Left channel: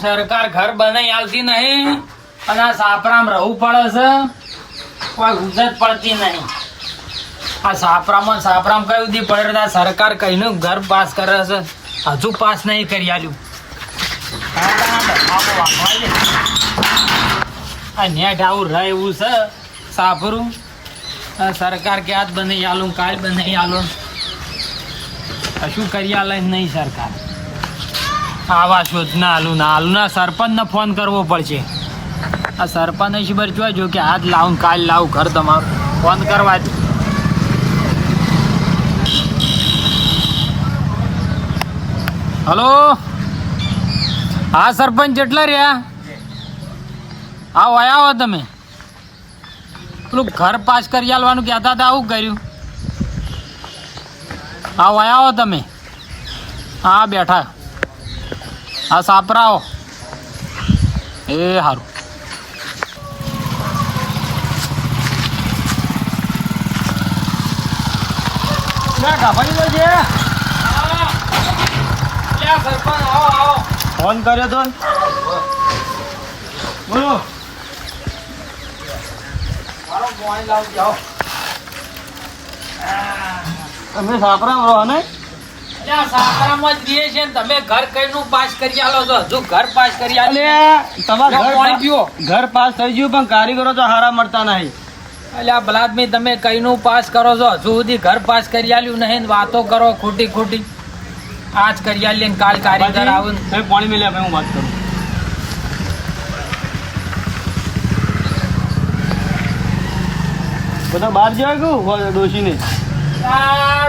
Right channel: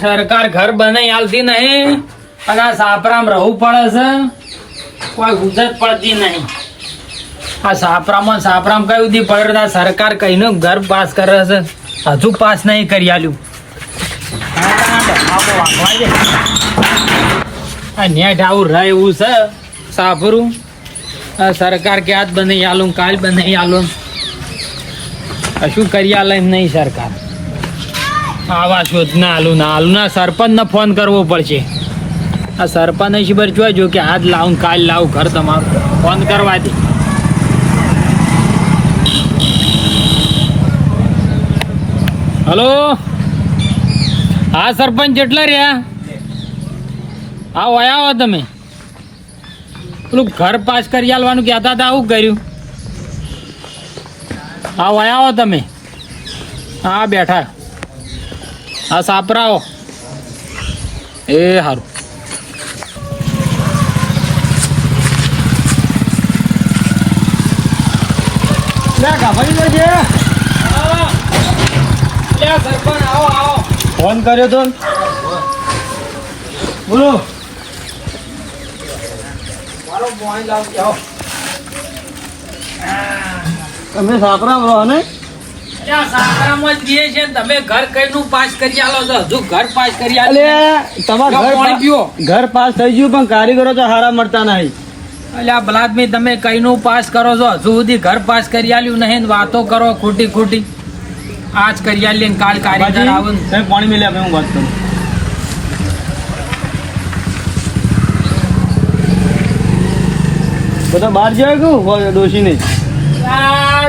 સરકાર ઘર બનાવી આલતી નહીં અને આ સાપરામ રહવું પડે છે, કોઈ ગુજર પડતી નહીં. આ સાપરામ કયું દી પડે સરકાર કઈનું ઘર પાસ કરે છે, હજુ પાસ નહીં કરી આલ્યું. આ નેટ આવું રહે એવું છે સાપરું. સરકાર કે આજ બનાવી આલું કાલ બનાવી આલું, કશું કરી આલે એમ નહીં સરકાર. આવા શોધના આલું ના સરપંચ ને ફોન કરવો પડશે. આ સરપંચ ખબર જોજો કે આજ લાવું કાલ લાવું ઘર તમારું, ફોન કરવા દે. હલો, હા સરપંચ જેટલા રહ્યા આવો તમે. પેલું ઘર પાસ કરી આલવાનું કહેતા હતા, આવું કર્યું? આવો તમે. હા બેઠા. હા સાપરાઓ એ સારું. ફોન કર્યો તો બોલો. તમે સાપરામ રહો ને? તમે ઘર કઈનું પાસ કરી આલો છો? હજુ ઘર પાસ કરી આલે? તમારા ઘર પાસ થઈ ગયું પણ કારીગરો તો હારા મળતા નહીં. એટલે બલાદમી તમે કઈનું પાસ કરો છો? હજુ સુધી ઘર પાસ કરી આલ્યું નહીં, વાતો કરો ખોટી. આજ કરી આલી ને કાલ કારીગર આવે. પાણી મેલ્યા હું વાત કરું. બધા બહાર જાય કે ડોશીને?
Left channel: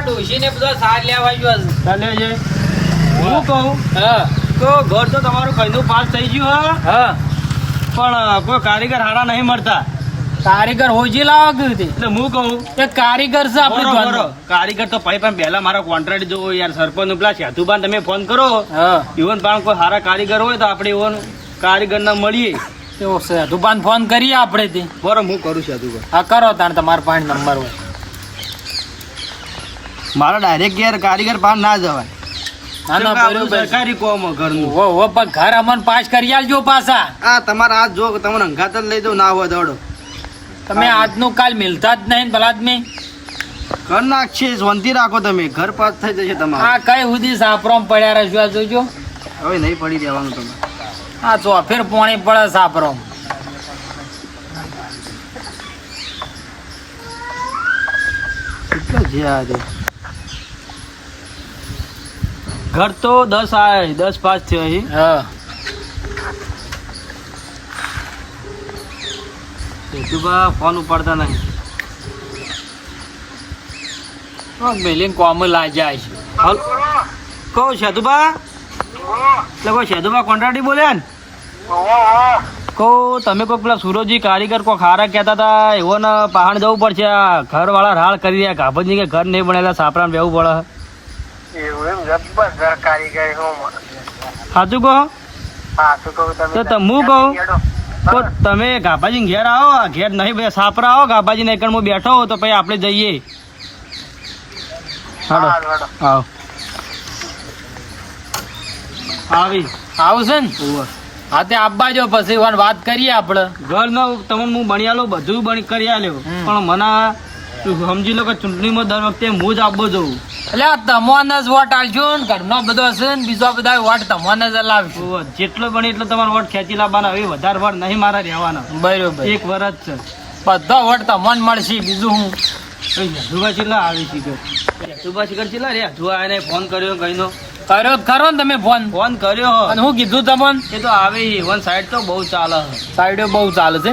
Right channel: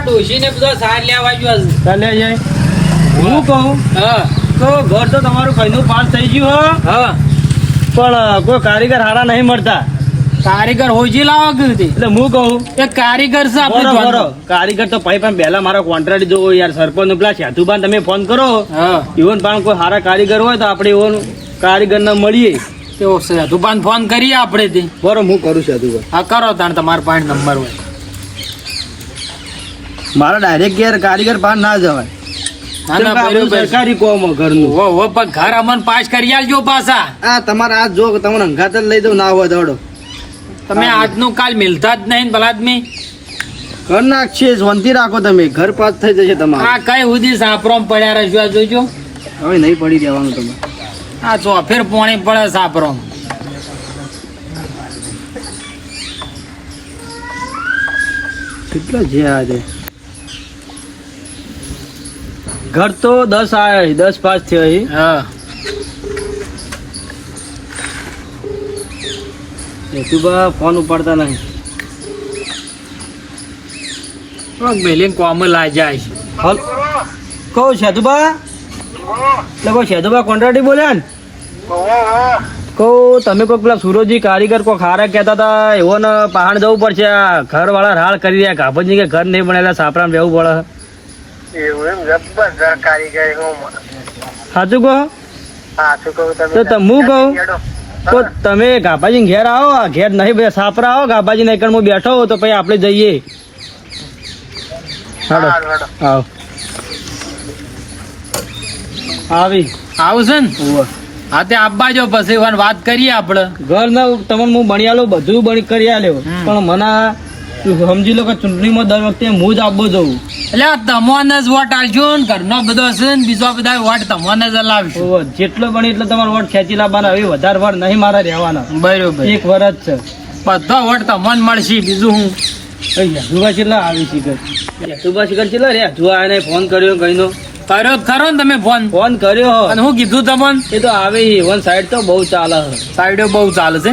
ડોશીને બધા સાર લેવા ગયો છે. ચાલે જાય. હું કહું તો ઘર તો તમારું કઈનું પાસ થઈ ગયું હા, પણ કોઈ કારીગર હારા નહીં મળતા. કારીગર હોજી લાવવા ગયું હતી. એટલે હું કહું એ કારીગર છે કારીગર તો ભાઈ પણ પહેલા મારા કોન્ટ્રાક્ટ જોવો યાર. સરપંચ નું પેલા સાધુબાન તમે ફોન કરો, ઇવન પણ કોઈ સારા કારીગર હોય તો આપણે ઇવન કારીગર ના મળીએ. સાધુબાન ફોન કરીએ આપણે. બરોબર હું કરું સાધુબાન. હા કરો તાણ તમારા પાસે નંબર. મારા ડાયરેક્ટ ઘેર કારીગર પાસ ના જવાય. સરકારી કોમ ઘરનું ઘર અમન પાસ કરી આલજો પાછા. હા તમારે આજ જો તમને અંગાત જ લઈ દઉં ના હોય દોડો. તમે આજનું કાલ મિલતા જ નહીં બલાદમી. ઘર નાખશે શાંતિ રાખો તમે, ઘર પાસ થઈ જશે તમારે. હા કઈ સુધી સાપરોમ પડ્યા રહેજો જોજો. હવે નહીં પડી દેવાનું તમે. હા ચોફેર પોણી પડે સાપરોમ. કેટલો છે આજે? ઘર તો 10 આવે, 10 પાસ છે. હા સેતુબા ફોન ઉપાડતા નહીં. મેલીને કોમ લાઈ જાય છે. કહું સેતુબા એટલે કોઈ સેતુબા કોન્ટ્રાક્ટી બોલ્યા ને? કહું તમે કોઈ પેલા સુરજી કારીગર કોઈ ખારા કહેતા હતા એવો ને પહાડ જવું પડશે. ઘર વાળા રાળ કરી રહ્યા ગાભજી કે ઘર નહીં બનેલા સાપરામ રહેવું પડે. સાચું કહો તો હું કહું તો તમે ગાભાજી ઘેર આવો. ઘેર નહીં બધા સાપરા આવો ગાભાજી નહીં હું બેઠો હોઉં તો પછી આપણે જઈએ. આવો આવી આવશે ને? હા તે આપવા જો પછી વાત કરીએ આપણે. ઘર ના તમને હું બની આલો બધું બની કરી આલ્યો પણ મને સમજી લો કે ચૂંટણીમાં દર વખતે હું જ આપવો જવું. એટલે તમને જ વોટ આલજો ને ઘરનો બધો હશે ને બીજા બધા વોટ તમને જ લાવશું. જેટલો બને એટલો તમારો વોટ ખેંચી લાવવાના. હવે વધારે વોટ નહીં મારા રહેવાના. બરોબર 1 વર્ષ છે. બધો વોટ તમને મળશે. બીજું હું યશુભા છેલ્લા આવી શીખર યશુભા શીખર છેલ્લા રે જોવા ફોન કર્યો કઈનો કર્યો ખરો ને તમે ફોન કર્યો અને હું કીધું તમને? એ તો આવે વન સાઈડ તો બહુ ચાલે. સાઈડે બહુ ચાલે છે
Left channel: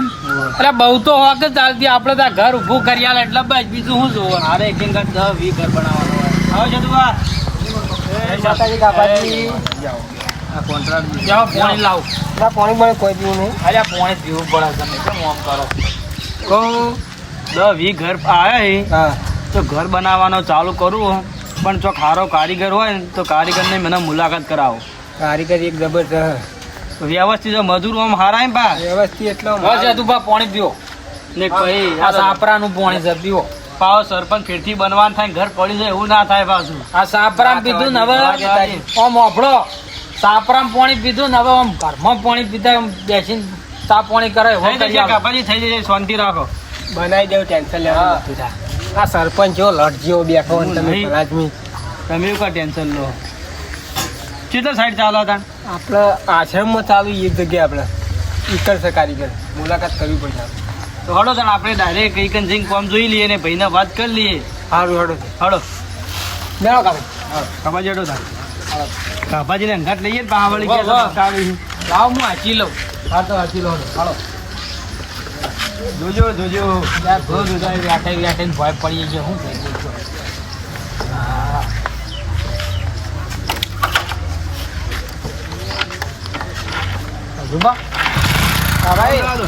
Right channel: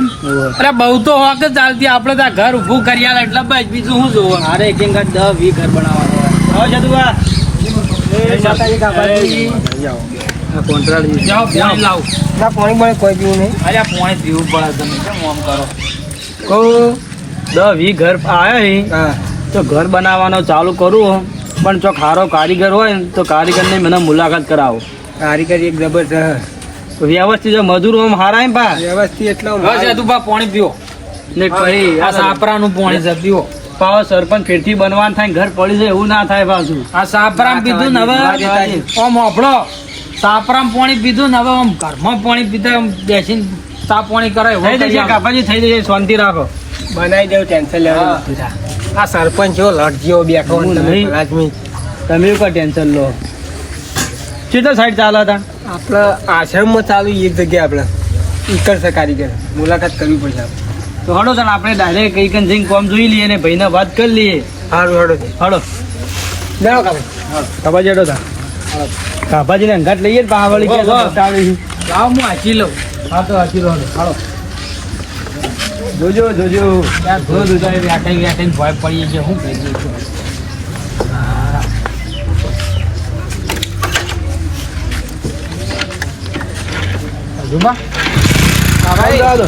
અરે બહુ તો હોક જ ચાલતી. આપડે ત્યાં ઘર ઉભું કરી આલે એટલે બસ બીજું શું જોવું. અરે એક 10-20 ઘર બનાવવાનો. આવો જતુભા કોન્ટ્રાક્ટ લાવ પાણી કોઈ પીવું નહીં. અરે પાણી પીવું પડે. તમે કેમ આમ કરો? કહું 10-20 ઘર આવ્યા તો ઘર બનાવવાનો ચાલુ કરું. પણ જો ખારો કારીગર હોય ને તો કારીગરને મને મુલાકાત કરાવો. કારીગર એક જબરજસ્ત વ્યવસ્થિત મજૂર આમ હારા એમ પા વ્યવસ્થિત એટલે પાણી પીવો ને પછી આ સાપરાનું પાણી છે પીવો. પાવ સરપંચ ફેરથી બનવાનું થાય ઘર પડી જાય એવું ના થાય પાછું. આ સાપરામ કીધું ને હવે ઓમ ઓફળો સાપરામ પાણી પીધું ને હવે આમ ઘરમાં પાણી પીતા આમ બેસીને ચા પાણી કરે એવું થઈ જશે કરી આલો. કાપાજી, થઈ જશે, શાંતિ રાખો. બનાવી દેવું, ટેન્શન લેવાનું નથી તાર. આ સરપંચ જેવો લટ જેવો બેઠો હું અને તમે નહીં. રાજમી. તમે એવું કઈ ટેન્શન લો. કેટલા સાઈડ ચાલો હતા? આપણા આશ્રમમાં ચાલુ એક જગ્યાએ આપણે ઈકર છે કારીગર, મુલાકાત કરવી પડશે આપણે. તો હડો ચાલ આપણે ડાયરેક્ટ કઈ કન જઈને કોમ જોઈ લઈએ ને ભાઈને વાત કરી લઈએ. સારું હેડો હડો જાણો કામ. કાપાજી હડો તા. કાપાજીને અંગાત લઈએ ને પાહાવાળી વાહ, કે વાહ. બતાવી. લાવ હું હાચી લઉં. હા તો હજી લો હડો. જોજો જોજો. ત્યાં ધો દુધાય વ્યાટાઈને ભોય પડીએ છે શું કરી દઈશું. હજુમાં? કામ જવા દો.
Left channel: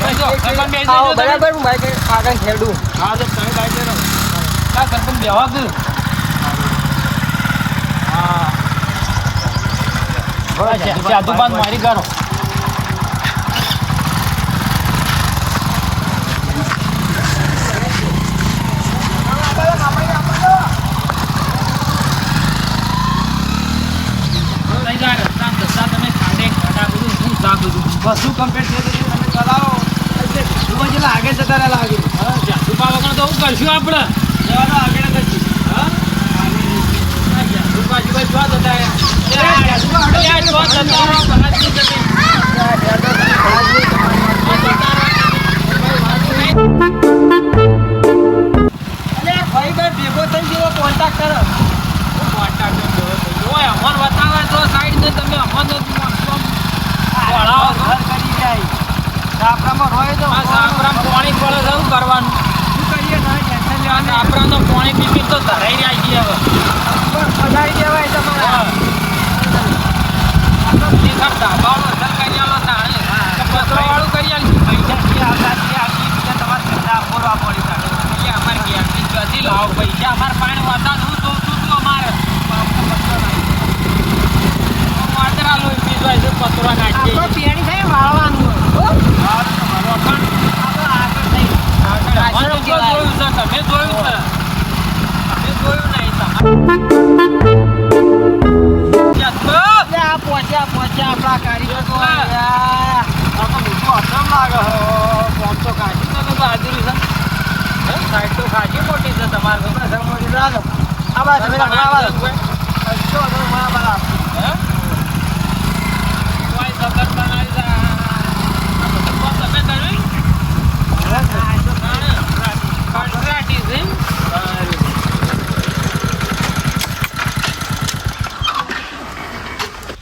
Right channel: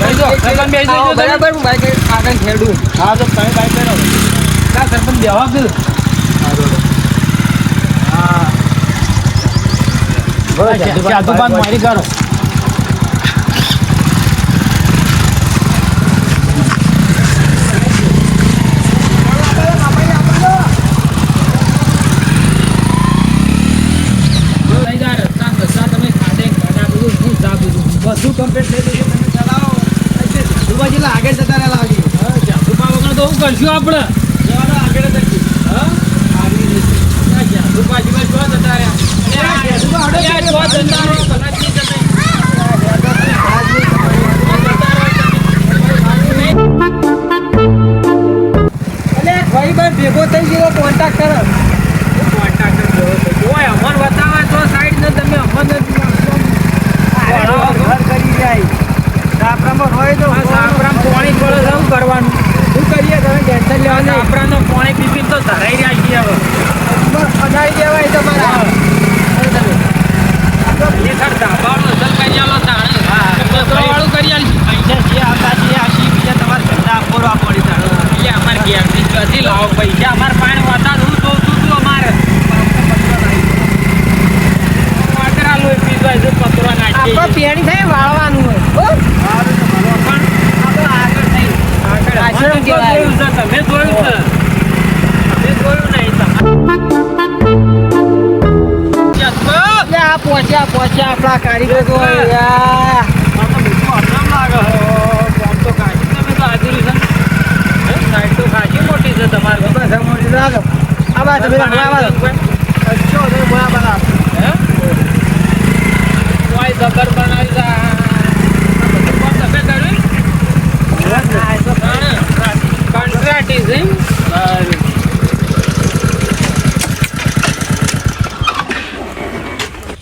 બેસજો. સરપંચ બેસજો આવો, તમે. બરાબર હું બાઈક કાકાને ખેડું. હા તો તમે બાઈક બેઠો. ના, સરપંચ બેહવા દો. જાદુ બાદ મારી કરો. બધું કમ્પ્લીટ થઈ ગયું. તમે ચલાવો. સુભાજીલા આગળ જતા રહેલા આગળ. જાદુબા વગર તો શું કરશું આપણે? જવાનો આગળ જ હતી. હા? જાદુબા જીવન જો જતા રહ્યા. અલ્યા, અલ્યા, જો જતા રહો, ભલા જ નહીં જતા. અલે ભાઈ બાર ભેગો થઈ ગયો કોન્ટેક્ટ કરો. ઘર કરી જાય. સાપરામાં હોય તો શું કરીએ, તમે ટેન્શન લેવા નહીં. અનાળી દેવાય તમારા. પૈસા અમારે પાણી વાતાડું તો તું અમારે પતરો નાખીએ આપણે પેણી થાય વાળવાનું હોય. હો? આપણે આગળ થઈ. આશ્રમ કહેવાય. તમે જોયું છે તમે જોયું નહીં એટલે આ પહોંચ્યા આપણા કારીગર તો યાર. આ બાજુ તમે આવા દો. અચ્છો, તમે મોયા બરાબર.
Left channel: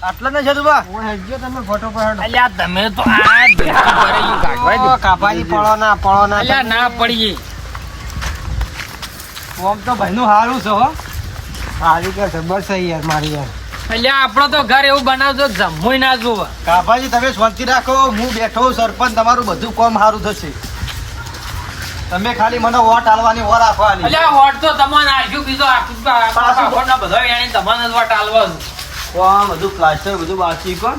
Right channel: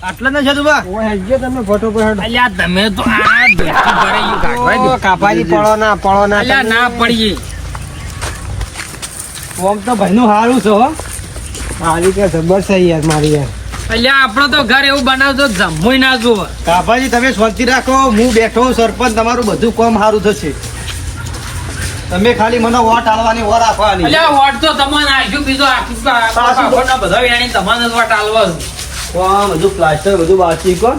આટલા ના છે તું બા? ઓય હેડજો તમે ફોટો પર હેડો. તમે તો આ ઓ, કાપાજી પડો ના અલ્યા, ના પડીએ. ઓમ તો ભાઈનું સારું છે હો. મારી કે જબર છે યાર મારી યાર. અલ્યા, આપણો તો ઘર એવું બનાવજો જમવું ના જુઓ. કાપાજી તમે શાંતિ રાખો, હું બેઠો સરપંચ, તમારું બધું કામ સારું થશે. તમે ખાલી મને વોટ આલવાની વોટ આપવાની. અલ્યા, વોટ તો તમને આપ્યું, બીજો આખું પાછું બધા વેણી તમને જ વોટ આલવો છે. બધું પ્લાસ્ટર બધું બાકી કો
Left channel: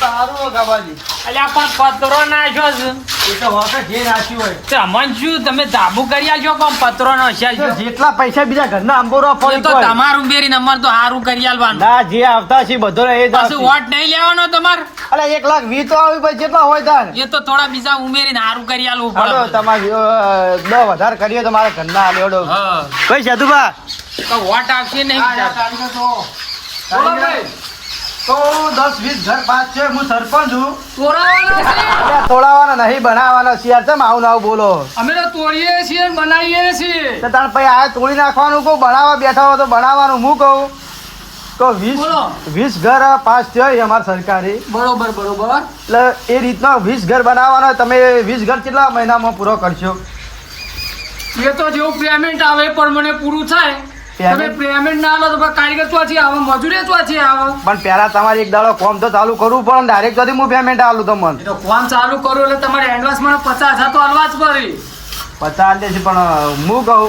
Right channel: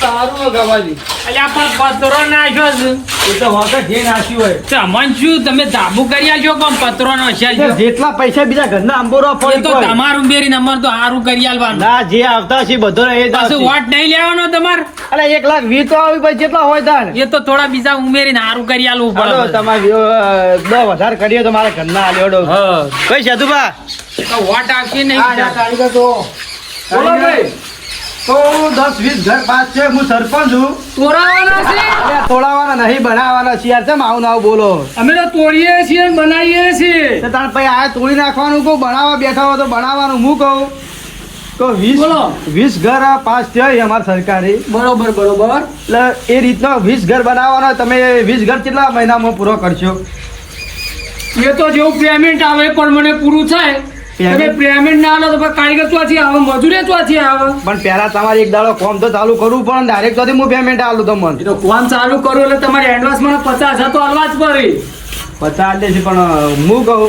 સારું ગવાજી. અલ્યા, પણ પતરો નાખ્યો છે. એ તો હોટલ જે નાખ્યું હોય. તમને શું તમે ધાબુ કરી આલજો પણ પતરો નો છે તો જેટલા પૈસા બીજા ઘરના અંબોરો એ તો તમારું બેરી નંબર તો સારું કરી આલવાનું. ના જે આવતા છે બધો એ જ પાછું આવશે. વોટ નહીં લેવાનો તમારે. અરે 1,20,000 તો આવી ભાઈ જેટલા હોય તાર. એ તો થોડા બીજા ઉમેરીને સારું કરી આલવું હાલો, પડે. તમારે 10 વધારે કરીએ તો મારા ઘરના આલ્યો હા. કઈ છે તું બા? તો વોટ આવશે નહીં. કારીગર તો બોલો ભાઈ. તો 10-20 ઘર પાસ છે, હું સરપંચ છું. તોડાવાના છે. તોડાવાના નહીં, બનાવવાના છે યાર. ચમ આવું ના આવું બોલો? અમે તો તોડીએ છીએ બનાવીએ છીએ. તો તાર પછી આ તોડી નાખવાનું કહું, બનાવવા બેઠા હો તો બનાવવાનું હું કહું. તો 20 ઘર પાસ થયો અમારે સરકારી. બરોબર એટલે એ રીતનો 20 ઘર બનાવવાના. તમે 20 ઘર કેટલા મહિનામાં પૂરો કરશો? એ તો જેવું પેમેન્ટ આવે પણ મને પૂરું થાય. તમે પેમેન્ટ ના આલો તો પછી કારીગર ચોથી આવે, મજૂરી ચોથી આવે. પણ પેલા તમારે એક દાડો કોમ તો ચાલુ કરવું પડે. ડાયરેક્ટ તો હું પેમેન્ટ આલું તો મને તો કોમ ચાલુ કરો એટલે તમારે એડવાન્સ મને 50,000 તો આલવા જ પડે. 50 દે છે. પણ હું કહું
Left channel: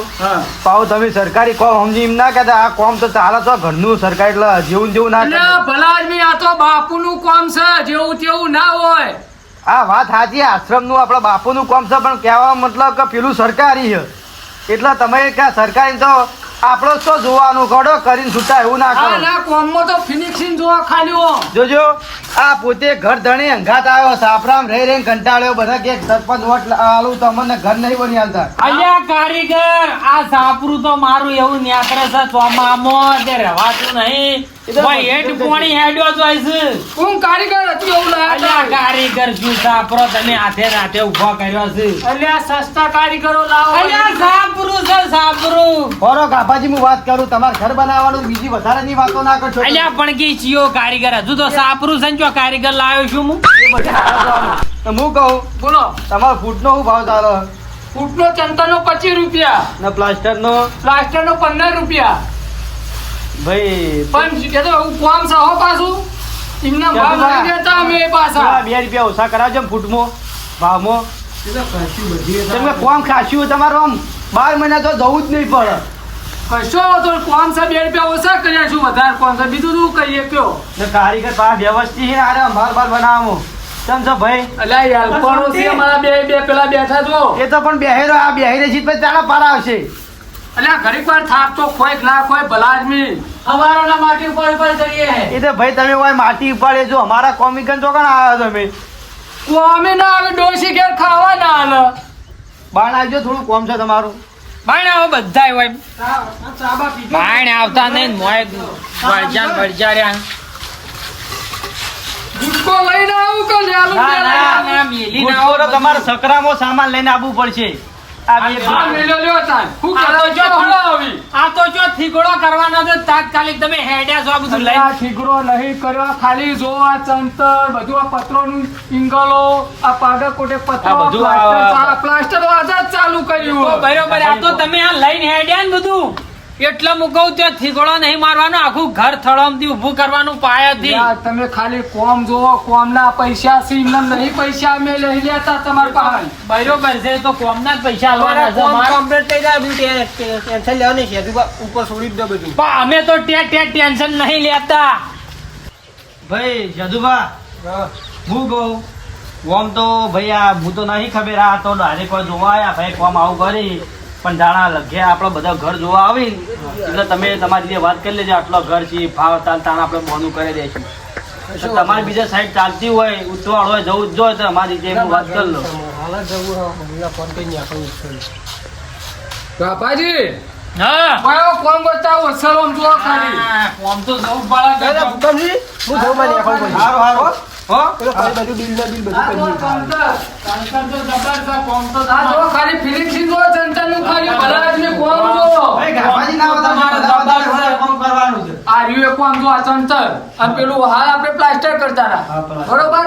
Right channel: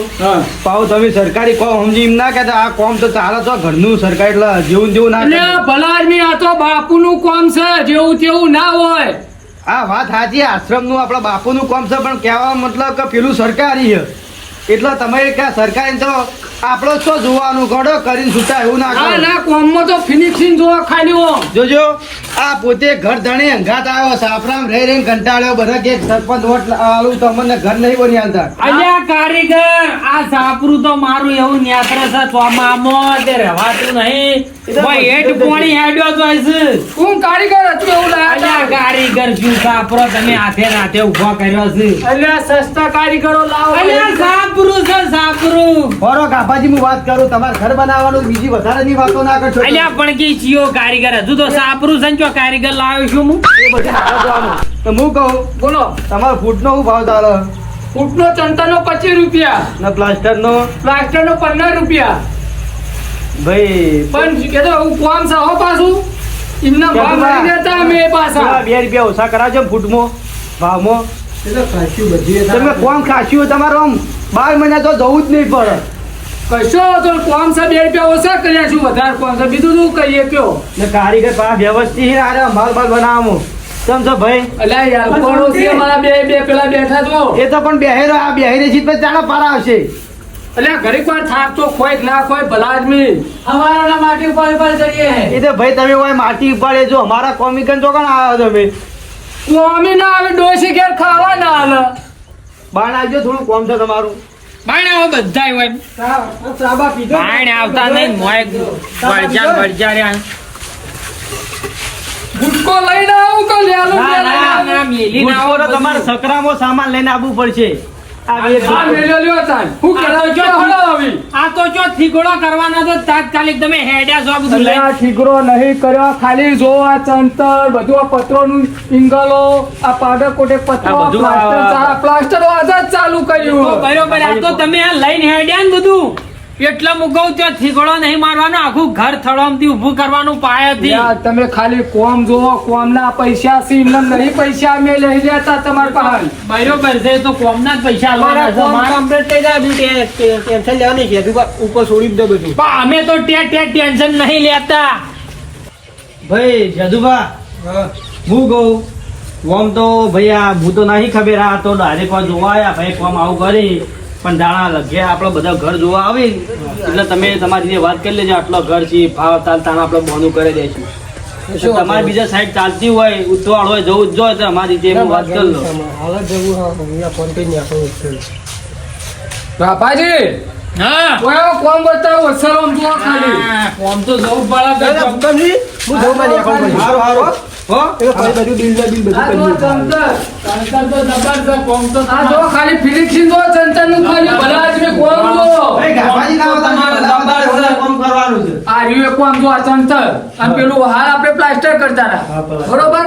પાઉ તમે સરકારી કોમ સમજી એમ ના કહેતા. આ કોમ તો ચાલે તો ઘરનું સરકારી એટલે જેવું જેવું ના એટલે કરે. ભલા આદમી આ તો બાપુનું કામ છે, જેવું તેવું ના હોય. આ વાત સાચી, આશ્રમનું આપણા બાપુનું કામ છે, પણ કહેવાનો મતલબ કે પેલું સરકારી છે. એટલે તમે કે સરકારી તો આપણો શું જોવાનું ગોડો કરીને છૂટા એવું ના હા કરો ના કોમમાં તો ફિનિશિંગ જોવા ખાલી ઓમ જોજો આ પોતે ઘર ધણી અંગાત આવ્યો સાફરામ રહી રહીને કંટાળ્યો બધા કે સરપંચ વોટ આલું તમને ઘર નહીં બની આલતા અલ્યા કારીગર આ સાપરું તો મારું એવું ન્યાપરે છે ચોમામાં તે રહેવાતું નહીં ભાઈ હેઠ પોણી હેડ્યો તો છે કોણ કારીગર હતું એવું અલ્યા કારીગર શું સાપરો તમે હાથે રાતે ઉભો કર્યો છે અલ્યા સસ્તા કારીગરો લાવો અલ્યા સાપરું છે સાપરું બોલો ગાભાજી હું વાત કરું તમારે ઘર બનાવવાનું બીજી વધારેની વાતો ના કરશો તમે. અલ્યા પણ કે ચિયો કારીગર હજુ તો સાપરું છે ને ચો કારીગર લાવ્યો છું હું તો હું કહું બોલો તમારો ફૂટનો શું ભાવ ચાલે ફૂટનો ચંતાનો 25 રૂપિયા ને પ્લાસ્ટરનો પ્લાસ્ટરનો 15 રૂપિયા ભાઈ પણ કે તો આવું કોમ છે હો પાછું એમના ભાવ લઈ દેતા અમે પાછા પેલા 2 રૂપિયા ઓછા કરાવજો ને ફૂટમાં ભાવમાં એ તો ખાસી બધી તમે કોણ ખાસ્યું તમારો આમ 12 મહિના તો જવું જ નહીં પડે કશો તો કોમ છે 2 રૂપિયા ઓછા કર્યા છું વધારે કોમ છે બીજું શું કહીએ કયો ને કારીગર પાસે વ્યવસ્થિત છે આરે માલ બનાવવામાં કેમ છો ભાઈ અલ્યા યાર કોણ છે મારા બે પેલા બેઠા છો એ તો પણ બેહેરો આ બેહીને જીત પર ચાલો પાર આવશે અલ્યા ઘડીક વાર થાક તો ખોય કે ના ખોય ભલા આદમી હવારના માટી ઉપર કરીએ એ તો ભાઈ તમે હોય માટી પડે જો અમારા કોમિકન ચોકણ આવ્યો તમે કોમી ના આવે ડોસી ઘેર ખાવા ના આલે બાણ આવજો થોડું કોમ છે તમારું બાણ આવો બધાય હોય ચાબા પીધો બાણ આવતા નહીં મોય બળજા રહ્યા ગુટકો લઈને આવું કે લેલો ના, ના, ના, મેલી ના આવો તો તમારે સકરામાં સામાન લઈને આવવું પડશે આ બે આ મેલ્યો લ્યો તાન હું આ તો કરા જો છો હળો આવી આ તો જો થીગડો કરવાના તો તાત્કાલિક તમે હેડ્યા છો આ બધું લઈને. અલ્યા ઠીકરો નહીં કર્યો ખાલી જો આ ચંતર બધું આ પત્રોનું ઇંગલો આ પાવડર કોટે પત્રો આ બધું પ્લાસ્ટર આજ જ ચાલુ કર્યું બરોબર આ તો તમે આ લઈને હેડ્યા ને બધું એટલે હું કહું ત્યાં થીગડો નહીં મારવાનો આખું ઘર થળોમથી ઊભું કરવાનું પાયાથી યાર તમે ખાલી કોમ જોવો કોમ ના પૈસા છે એમને નહીં પૈસા અમે લઈ લેતા તમારા પાસે બરોબર છે તો કોમના જ પૈસા આલવાના છે મારા ટેન્શન લેવાની છે ઉપર છોડી દો બધું પણ અમે તો ટેન્શન નહીં લેતા ભાઈ જદુભા હું કહું કોમ તો ભાઈ આ હું તો નહીં ખબર આ તો ડાયરેક્ટ કોઈ જોવા આવ્યા ભાઈ કોમ આવું કરી પણ દાણા લગે આપણે બધા ઘર જોવા આવી એટલે તમે તમારી રીતે વાત કરી લેજો આટલો ઘર છે ભાવ તાલ તાણ આપણે બોનું કરી દઈશું તમારી બીજા સાઈડ ચાલતી હોય ઉતવાળ હોય જવું જ જો તો અમારી રીતે એની વાત કરી લો બાપાજી હા ઓય કોમ બતાવો સલામ જો ખાલી હા, કોમ તો જવું પડે કે સારું સારું હો આ જો ચંતર તો જબરદસ્ત કોમ તો આ જો ખાલી ફિનિશિંગ જો ચંતર નું ખાલી ભલા આદમી કોમ જો ભાઈ ગાભાજી ના બધા કોમ કરવાનું છે આ રીવે કોમ જો આ ચંતર અને પેલું હા આપણે પ્લાસ્ટર કરતા હતા બરોબર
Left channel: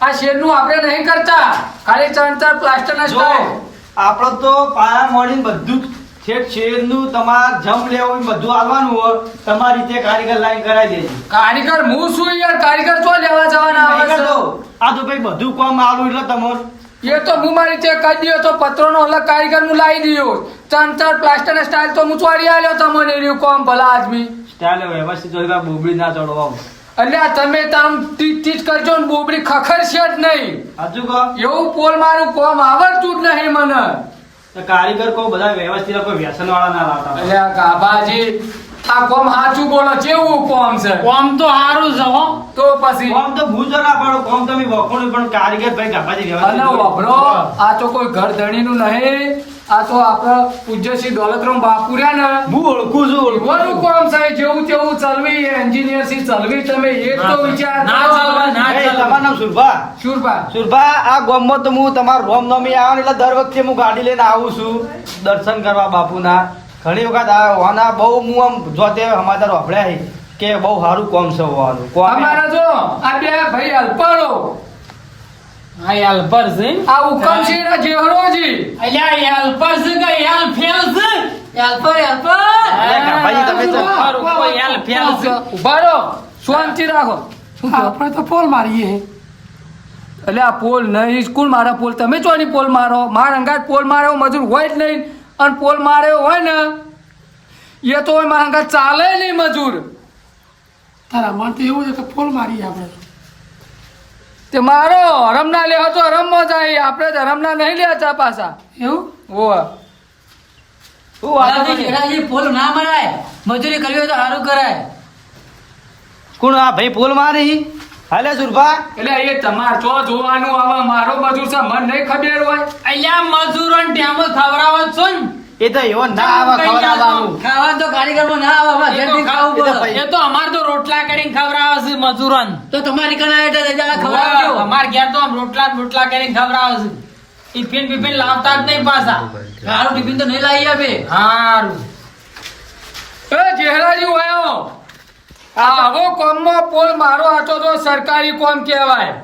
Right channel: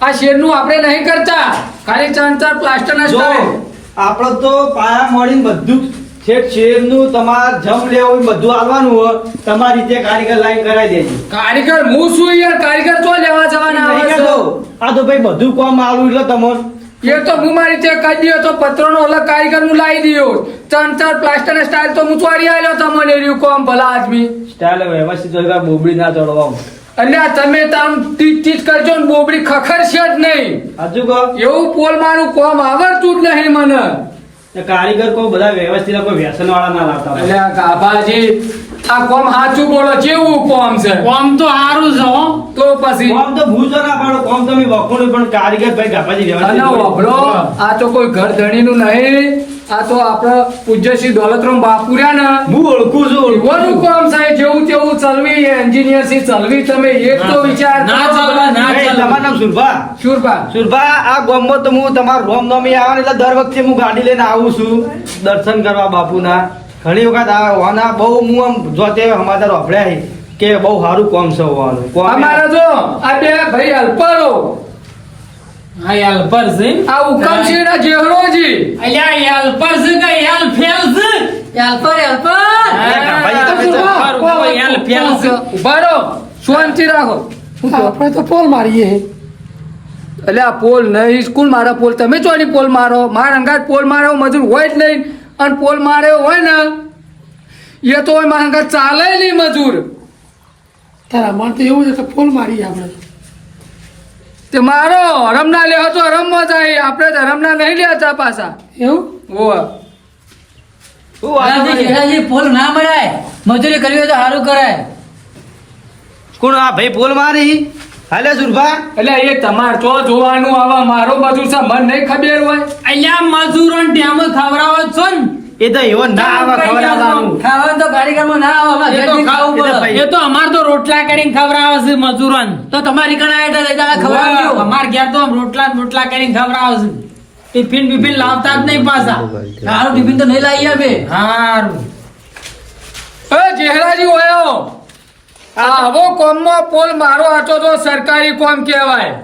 આ શેરનું આપણે નહીં કરતા ખાલી ચંતર પ્લાસ્ટર ના જો સ્ટાઈલ આપણે તો પાયા મળીને બધું છેક શેરનું તમારે જમ લેવું હોય બધું આવવાનું હોય તમારી રીતે કારીગર લાઈન કરાવી દેજો કારીગર હું શું યાર કારીગર તો લેવા જવાના આવે નહીં છે કહેતો. આ તો ભાઈ બધું કામ આવું એટલે તમને એ તો હું મારી ચેક કરી દીધો તો પત્રોનો અલગ કારીગર નું લાવી દીધો ચંતર પ્લાસ્ટર ના સ્ટાઈલ તો હું ચોરી આલ્યો તમને રહ્યું કોમ ભલા આદમી સ્ટાઇલ વ્યવસ્થિત હોય બોબડી ના ચડવા અને આ તમે તમ તીજ કરજો ને બોબડી ખખરશે જ નહીં હજુ કહો એવું પોલ મારું કોમ આવડતું જ નહીં મને તો કારીગર કો બધા વ્યવસ્થિત કોઈ વ્યસન વાળા ના લાવતા હોય. અલ્યા ગાભાજી આ કોમ સાચું બોલો કેવું કોમ છે કોમ તો સારું છે હો તો પછી કોમ તો ભૂજો ના પાડો કોમ તમે વખોડો પણ કારીગર ભાઈ ગાભાજી અને વ્યવસ્થિત હોય. વભળો આ તો કોઈ ઘર ધણીનું નહીં આ તો આપણો પૂજ્ય શ્રી દોલતરામ બાપુ રહ્યા ને હું ઓળખું છું એવાનું કામ થાય જેવું તેવું ચલવી એન્જિનિયર થી ચલવી તમે એક તો વિચાર ના ચાલવા, ના ભાઈ, તમારું નામ સુરભા શુરભા સુરભા આ ગામમાં તો હું તમારું રોમ નમી આવે ને એટલે દર વખતે હું ગાડી લઈને આવું છું દર્શન કરવા બાપુના ઘણી વખત આવે હોના બહુ હું આમ જોતે સમાચાર વાપર્યા છે કે બહુ સારું કોમ છે હોવાનું કોમ અમારા જો આ બે ભાઈ અલ્પારો આ હેલ્પર છે આ ઉકમસિંહ ના જેહરોજી અલ્યા હેલ્પર છે કે હેલ્પર છે હેલ્પર ઉભા રહો. શાંતિ રાખો આપણે તો પોલ મારીએ એટલે આ પોલ નહીં સ્કૂલ મારા પોલ તમે ચોરી પોલ મારો મારા અંગાત પોલ મારો મજૂર હોય જ નહીં અને પોલ માર્યો હોય ને એ તો હોય મારા અંગાત ચાલે નહીં મજૂર તારા મન તો એવું છે કે પોલ મારી આપણે તે મારો હરમના લેવો તો હરમમાં જાય આપણે તો હરમના નહીં લેતા પાછા એવું હોવા શું વાત કરે? જેઠાજી પોલ ના મળાય, મજૂરી કરવી હોય તો સારું કરાય. કોણ આ ભાઈ પોલ મારી હાલે સુરભા? એટલે એ તમાર ચો જોવાનું આવા મારો મજૂર છે મન નહીં ખબર હોય. અહીંયા મજૂરો ટેમ ખવડાવો જ છો ને. એ તો એવો ના આવે ખવડાવવાનું. ખાવાનું તો કારીગરમાં ના આવે, એ તો ખાવું પડે. એ તો અમાર તો રોટલા કરીને ખવડાવે છે મજૂરોને. તો તમારી કણા હેઠળ લઈ જવા ખવડાવજો. અમાર ઘેર તો રોટલા ને રોટલા કરીને ખવડાવે છે. ટિફિન બિફિન લાવતા જ નહીં પાછા. સારું ટિફિન તો નહીં લાવી અમે. હારું. એ જેહરાજી ઓયો, આવો કોમમાં પોલ મારો હતો તો સરકારી કોમ કહેવાય.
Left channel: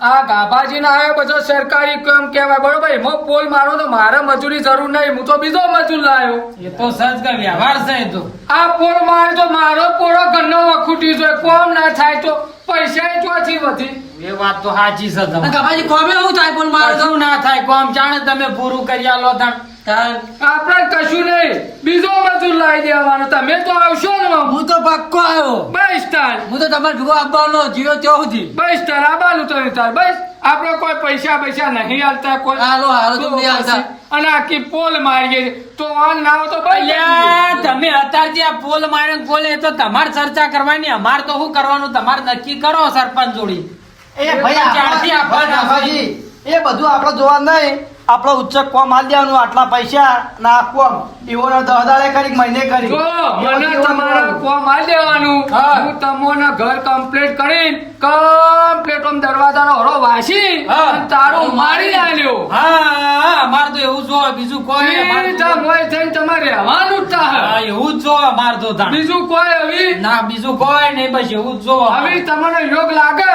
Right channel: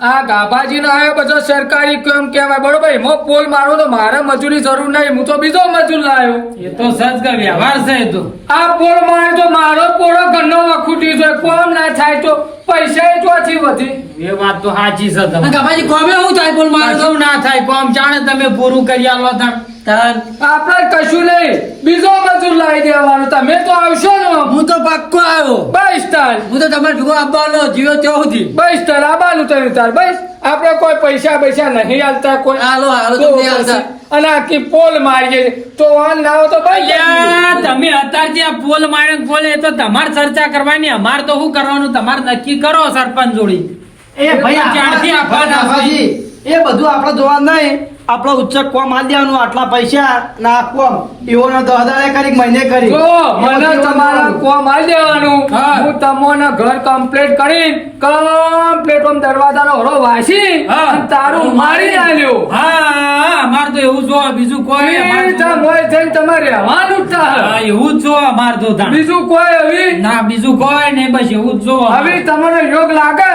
આ ગાભાજી ના આવ્યો બધો સરકારી કોમ કહેવાય, બરોબર? એમાં પોલ મારો તો મારા મજૂરી જરૂર નહીં, હું તો બીજો મજૂર લાવ્યો. એ તો સજ કે વ્યવહાર છે એ તો. આ પોલ મારે તો મારો પોળો ઘરનો વખૂટી છે, કોમ ના થાય તો પૈસા ચોથી વધી. એ વાત તો સાચી છે તમારી. ગાભાજી કોમે શું થાય પોલ મારો તો? કશું ના થાય કોમ જાણે તમે પૂરું કરી આલો તાણ. આપણે કશું નહીં, બીજો મજૂર લાવી દેવાનો. તમે તો આવશો ને? હું તો પાક્કો આવ્યો. બસ તાર હું તો તમારે ભેગો આવવાનો જીવો ત્યાં સુધી. બસ તાર આવવાનું તમે તાર. બસ આપણે કોઈ પૈસા નહીં આલતા કોઈ. તો પછી અને આખી પોલ મારીએ તો વાન ના હોય તો ભાઈ યાર, તમે અત્યારથી આ પોલ માર્યો પોલ, એ તો તમારે ચર્ચા કરવાની, અમારે તો શું કરવાનું તમારે નક્કી કરો સરપંચ જોડી. એ ભાઈ ક્યારથી આપણા ગાભાજી, એ બધું આપણે જોવા નહીં. આપણો ઉચ્ચક કોમ આલ દેવાનું, આટલા પૈસા ના આપવા એવો 10 દાડે કરી મહિને કરી. જો મને તમારા કોમ આલ દેવાનું, હા. હું તમને ઘર કમ્પ્લીટ કરીને કમ્પ્લીટ ઓમ દરવાજાનો હરો વાસી હા. અને તારું મારી આલ્યો. હા, અમારે તો એવું જો બીજું કોઈ અમારે તો- સીધા મોય થઈને તમારે રહેવાનું જ થાય. હા, એવું જ જો અમારે તો તાણ. બીજું કોઈ હવે ના બીજું કોઈ નહીં, બસ એવું જ જો હવે તમને યોગ લાગે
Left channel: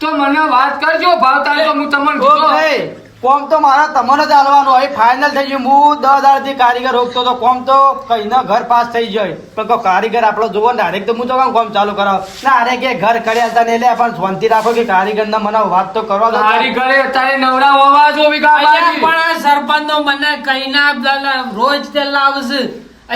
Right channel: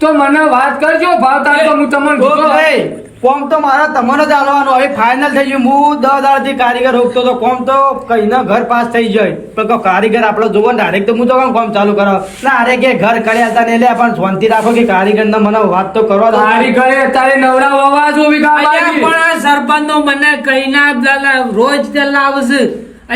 તો મને વાત કરજો, ભાવતા તો હું તમને તો કીધું. ભાઈ કોમ તો મારો તમારો જ હાલવાનો. હવે ફાઇનલ થઈ ગયું. હું 10 દાડાથી કારીગર રોકતો તો કોમ તો કઈને ઘર પાસ થઈ જાય. પણ કોઈ કારીગર આપણો જોવો ને ડાયરેક્ટ તો હું તો કેમ કોમ ચાલુ કરાવ ના? અરે કે ઘર કર્યા હતા ને એટલે પણ શાંતિ રાખો કે કારીગર ને મને વાત તો કરો. તારી ઘરે તારે નવરા હોવા જો વિકા અલ્યા, બાકી. પણ સરપંચ નો મને કહીને રોજ તે લાવશે.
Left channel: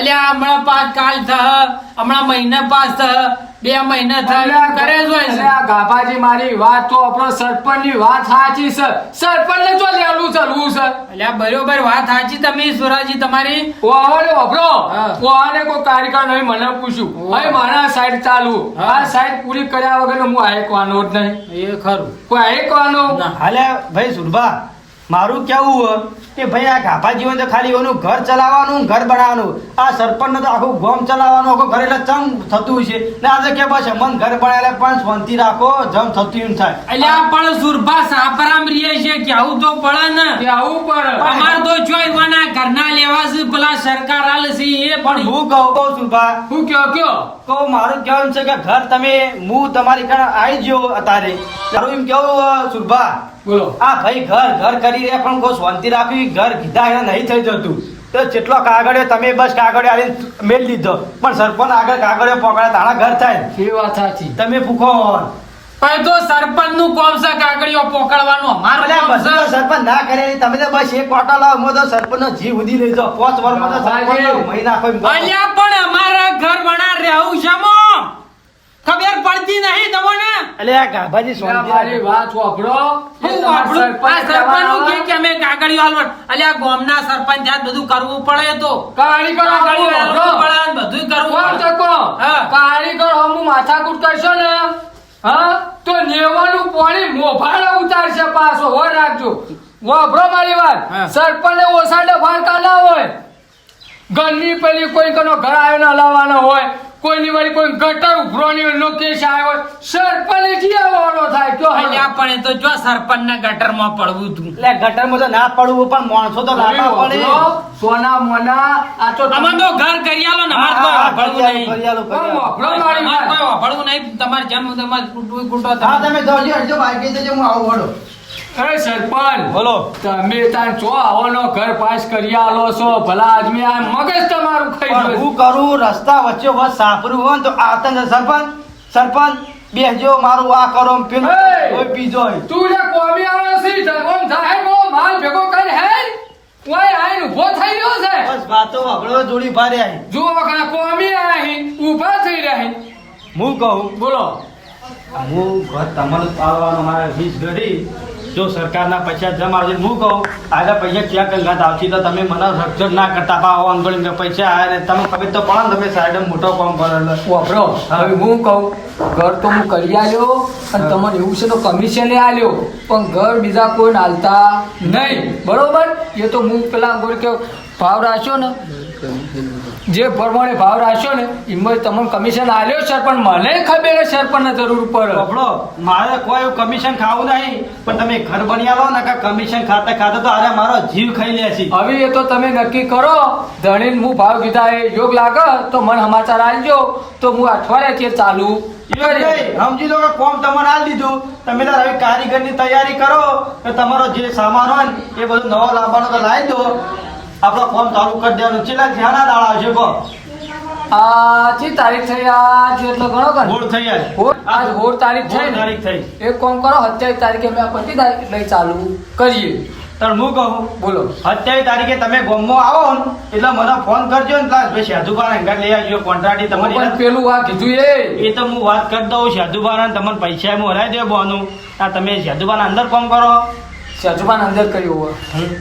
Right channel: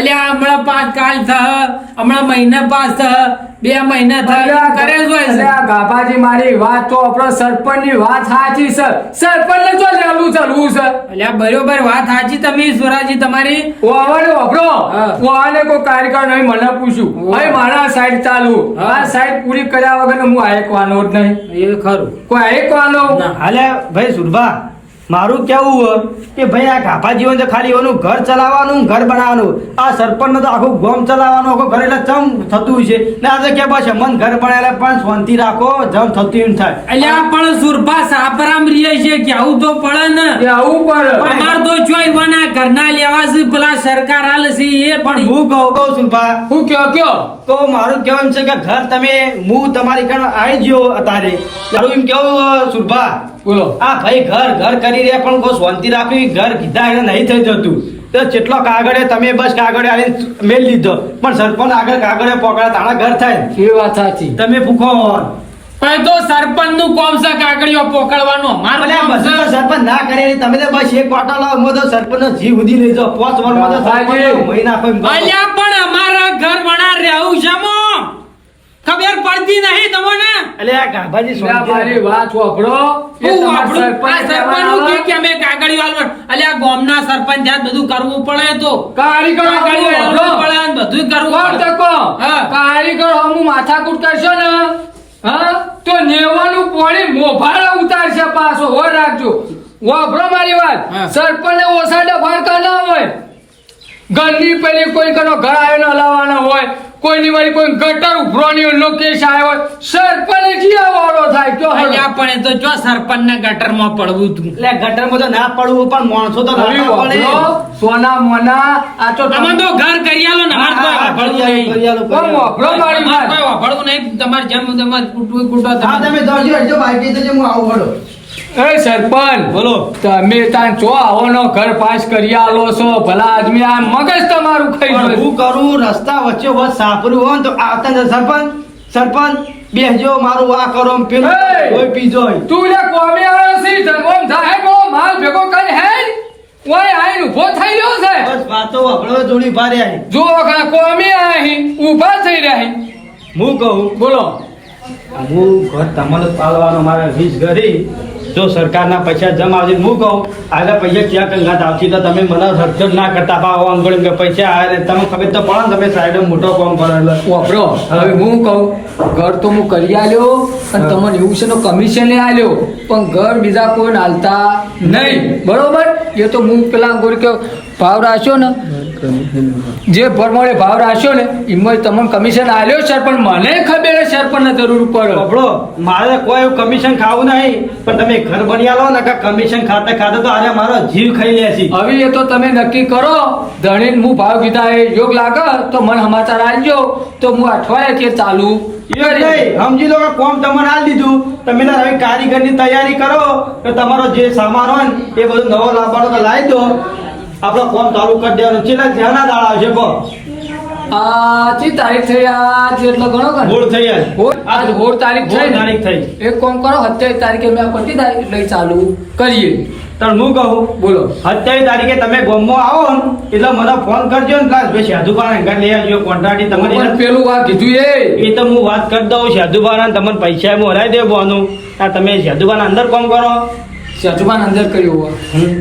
અલ્યા હમણાં પાસ કાલ થા, હમણાં મહિના પાસ થા, 2 મહિના થા કરે જ હોય છે. અરે આ ગાભાજી મારી વાત તો આપણો સરપંચની વાત સાચી છે. સરપંચને જો લેવું ચલવું છે. અલ્યા બરોબર વાત સાચી તમે ઈશ્વરાજી તમારી. ઓવાને વાપરો. હા. ઓવાને કોઈ કાર્યકર નહીં મને પૂછ્યું. ભાઈ મારા સાઈડ ચાલુ. હા. આ સાઈડ પૂરી કર્યા વગર હું આયકવાનો જ નહીં. એ ખરું. કોઈ આયકવાનો હાલે ભાઈ સુરભા, મારું કેવું હોય કે ભાઈ આ ગાભા જીવન તો ખાલી એનું ઘર ચલાવવાનું, ઘર બનાવવાનું. આ સરપંચ તો આખું ગામ ચલાવવાનું, આખું ઘર એટલે ચમ થતું છે ને? આ તો કે બસ મન ઘર બનાવેલા પણ શાંતિ રાખો, જમ થતું એમ થાય. અલ્યા પણ સુરભા સાપરામ રીએ છે કે આવું તો પડે ને. કે આવું પડે. અમાર તો જોઈ વના ઘરના લેવા છે, પેલા સરકાર આલે છે એ પણ હું કહું સુરભા, હું કયો તો મારું કહેવાનું છે કે ઘર તમે હું તમારી કણ આવી ગયો અત્યારે તારું એમ કેવું સુરભા, બોલો. આ ભાઈ ઘર કરી રહ્યા પણ કોઈ શાંતિ રાખવી, ઘર કીધા એને નહીં થઈ જતું. તો જેટલો કાગળે તમે બસ કાગળે આવીને મેલ લીધો પણ સરપંચ આગળ કાગળે પકડે તારા ઘર થાય. એ વાત સાચી. તમે પૂછો પણ તો સરપંચ નું કોમ છે કાગળિયો પોકળવાનું. અમારું અલ્યા કોમ બધું તો છે. સરપંચ ના કરે. તમે તો બસ એક વાટો લાવો, હું તો સરપંચ નો જીવ ઉધી લઈ જાઓ. 5 વર્ષમાં તો સરપંચ મહી નાખો એમ કહો. અલ્યા પણ અમારા ઘર વણા રહેવું છે મો. ખબર પડતી નહીં તમને. એટલે આ ગાભાજી એટલે આ મારી શાંતિ વાત વાપરો. એ હું તમારા આપણું આ સરપંચ સરપંચનું કહેવાના. કે અમે કાગળિયો આલવાનું. અલ્યા ગામના સરપંચ જાત બધું કરવું પડે તો. કારીગર કાગળિયો વાપરો. આલવું પડે ને બધું કરવું કોમ પડે. તકો. હા. કારીગર હમું માથાકૂટ કરશો ને, હા, તો નેવાનું પોણી મોભાળા ઉતારશે પાછો. હોય રાખજો. વાપરો મારી વાત. હા. સરપંચને ઓસાડે ફાળકા ના હોય. ઘરની પેલી કોઈ કનો ઘર આવ્યો ને હલાવવાનો હોય, કોઈની વાળી કોઈ ગટર ઉભરોની નો કેસ આવ્યો હોય, સરપંચ જીયા વાળો થાય. કયો હવે? અલ્યા પણ એ તો જો સરપંચ ના ગટરમાં પડવું તું. એટલે ગટરમાં તો ના પડવું પણ માણસો તો હવે નાખવા પડે. વાપરો. સોના મોના આ તો તમે તો ઘર કરી આલો ને અમારે કોઈ વાપરવું નહીં. કોમ વાપરો મારી અમારે વાત. કોઈ વાપરવું નહીં. તમારે જેમ તમારે કૂટવું કૂટો હા તમે જોજો હજુ બાકી તો હું આવું પડો. એ સરપંચ બોલો. તમે તાન ચો આવોનો ઘર પાસ કરી આલો છો, ભલા આદમી આ મગજ તમારું ખાઈ પણ ગયું. હું કરું રસ્તા વચ્ચે વચ્ચે સાપરું હોય ને તો આવતા ને સરપંચ બેસજો, મારું આ કરો ને પેલું એ! કોઈ પીજો. તું લે કોમી આવ્યો છે ધર્મમ થાય ગો માલ ભેગો કરી હે ઓય આઈ ઉભો થઈ ગયો છે. બસ વાતો વગડો જોડી ભારે આવી. જો વખત કોમી આહી ઊભા થઈ રહ્યા. હું કહું બોલો. હું ઘર તમારે પાડવાનો મારે વીજ ઘરી જો સરકારના પૈસા જમ આવશે હું કહું આગળ પૈસા ક્યાં કંગાત આવશે તો તમે મને રડચડ ના કરતા પાવો આમ ગણ્યું કે પૈસા આવે ને તમે ખબર તો પડે ને તમે સાઈડ મોટો કામ કરો એટલે વાપરો હવે હું કહું ઘર તો હું કરી આલ્યો અને તમને એવું છે તો કમિશન આલ્યો પણ ઘર બીજા કોઈ હાલતા નહીં બરોબર એ તો હું પેલા ગોળ કે ભાવ રાખ્યો ને જે પ્રમાણે ભાવ રાખ્યો ને એમાં તમને કમિશન આલ્યો સર પણ મને ખબર છે સર પણ જરૂર પડે આપણો મારે કોઈ એવું કમિશન ખાવું નહીં પણ તમે ઘર બની આલો ને કે કમિશન ખાતે ખાતે તો આજે મારો જીવ ખાઈ લે છે હવે એ તો તમે નક્કી કરો ધણીને હું ભાવ કીધા એ યોગ લાગે તો મને સમાચાર આવજો તો હું અઠવાડિયે કે ચાલુ એવું નહીં, સમજી લો કે કોમ તમારે આલી દીધું તમે તાર હવે કારીગરની તૈયારી કરો કે તમારો જે સામાન હોય ને એ બધું નવો લાવવાનો તો લાવી દો આપણો કોમ ચાલુ કરી દેવાનું છેલ્લા જ્યાંના દાડા આવશે કહો આ તારીખ થઈ આજ એટલો ઘણો કરો ભૂલ થઈ આજ આજ 16 તારીખ થઈ ને? તારીખ થઈ એક કામ કરો 27 તારીખે મેં પતી થાય એટલે ચાલુ કરીએ તાર હું કહું બોલો 27 તારીખે તમે ગામમાં આવો ને એટલે મને ફોન કરજો ને પ્લાસ ભાઈ સાધુબાને ઘર લઈ આવજો કોન્ટ્રાક્ટી પણ તમારી પેલું આ કીધું એ તો હું વાત કરી દઉં સાધુબાને તમને પૈસા હું હરાઈ દેવાનું આ તમે સાધુબાના અંદર કામ કરો સજમાન અંદર કર્યું હોય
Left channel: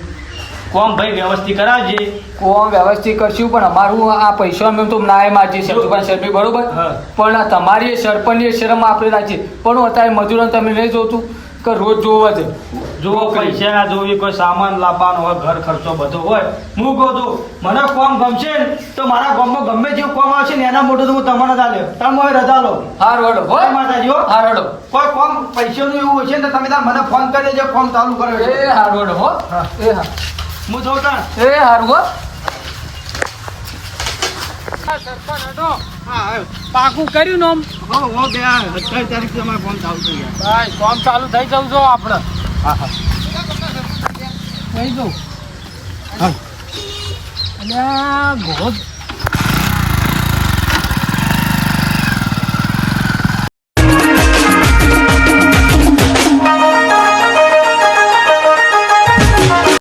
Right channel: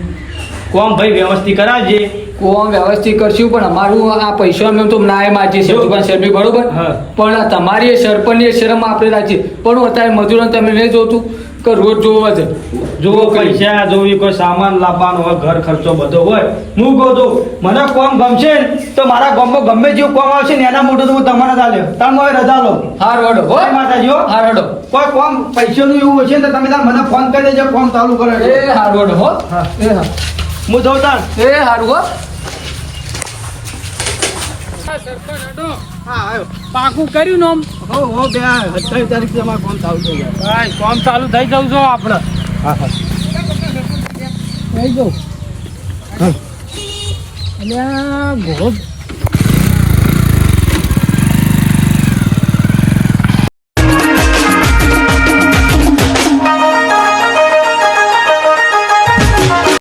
કોમ ભાઈ વ્યવસ્થિત કરાવજે કોમ વ્યવસ્થિત કરશું પણ અમારું આ પૈસા અમે તો નાય માગીએ સજમાન શરમી બરોબર હા. પણ આ તમારી સરપંચની શરમ આપણે રાખીએ પણ અત્યારે મજૂરો તમે નહીં જોતું કે રોજ જોવો છે જો પૈસા જોવી કોઈ સામાન લાવવાનો હોય ઘર ખર્ચો બધો હોય હું કહું છું મને કોમ ગમશે ને તો મારા ગામમાં ગમે જેવું કોમ આવશે ને એના મોટું તો હું તમારે ચાલ્યો તમે હવે રજા લો હાર વડો હો જય માતાજી હો. હાર વડો કોઈ કોમ પૈસાનું એવું હશે ને તો તમે તાર મને ફોન કરી દેજો કોમ ચાલુ કરે એ હાર વડો હો હા. એ હા હું જાઉં તાર એ હારું હો પાકું કર્યું ને હો હો બે 27 તારીખ તમારે કોમ ચાલુ થઈ જાય કામ ચાલુ થઈ જવું જો આપણે હા હા થઈ જવું હા. અલ્યા ઘોડ